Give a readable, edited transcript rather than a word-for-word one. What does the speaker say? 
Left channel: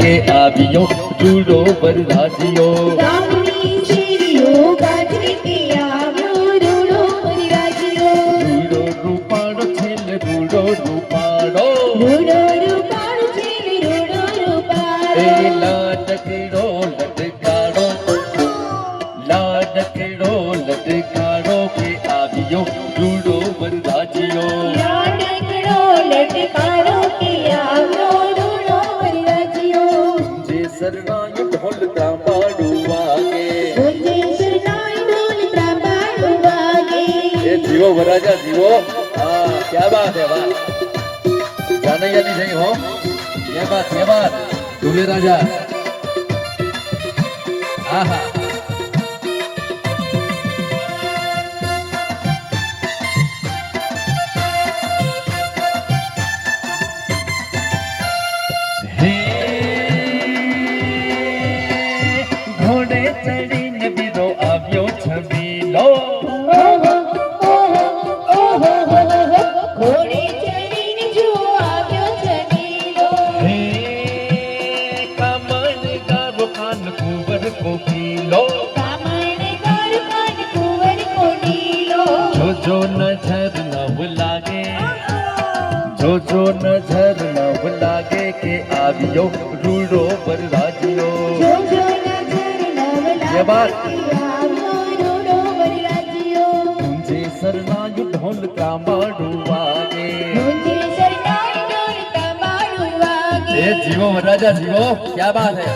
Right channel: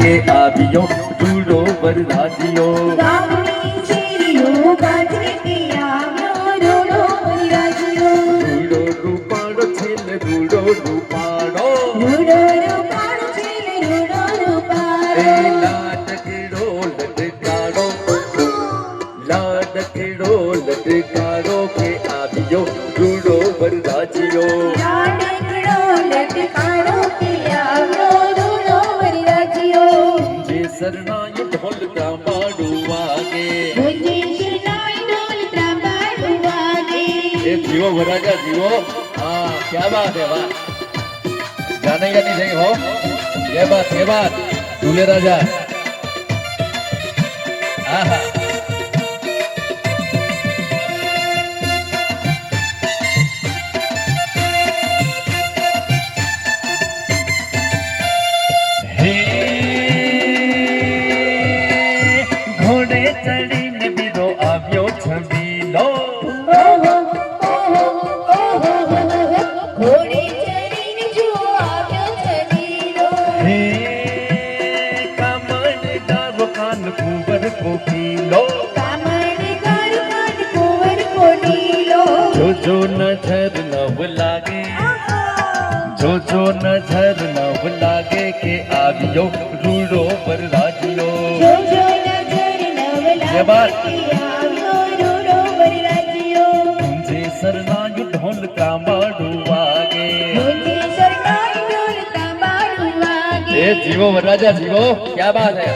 के आवियो रूडो वरराजियो ગામની શેરીઓ ગાજે કે આવ્યો રૂડો વરરાજીઓ रूडो रूपाड़ो छेल रूडो रूपाड़ो રૂડો રૂપાળો છે ને રૂડો રૂપાળો ए लाडकड़ो लटकाड़ो लटकाड़ो के आवियो रूडो वरराजियो લાડકડો લટકારો કે આવ્યો રૂડો વરરાજીઓ जे सरनाय ढोल का बाड़ू वागे ગુંજે શરણાઈ ઢોલ ત્રાંબાડું વાગે ये जीवो वराजा जीवो हाँ क्या बात है वाह जाने या नहीं सही हो ये बात दूल्हे राजा आहा हे घोड़े चढ़ीने बीरो આવ્યો છબીલો ઘોડે ચડીને જો આવ્યો છબીલો હે કામણ ગારો કાન કુંવર કોકીલો કામણગાર કાન કુંવર કોડીલો જો નજર નવ લાગે જો નજર નવ લાગે કે આવ્યો રૂડો વરરાજીઓ જોજો નજર નવ ये बात। લાગે આવ્યો રૂડો વરરાજીઓ मुझे सरनायु ढोल का माडू वागे ગુંજે શરણાઈ ઢોલ ત્રાંબાડું વાગે ए जीवो वरराजा जीवो क्या बात है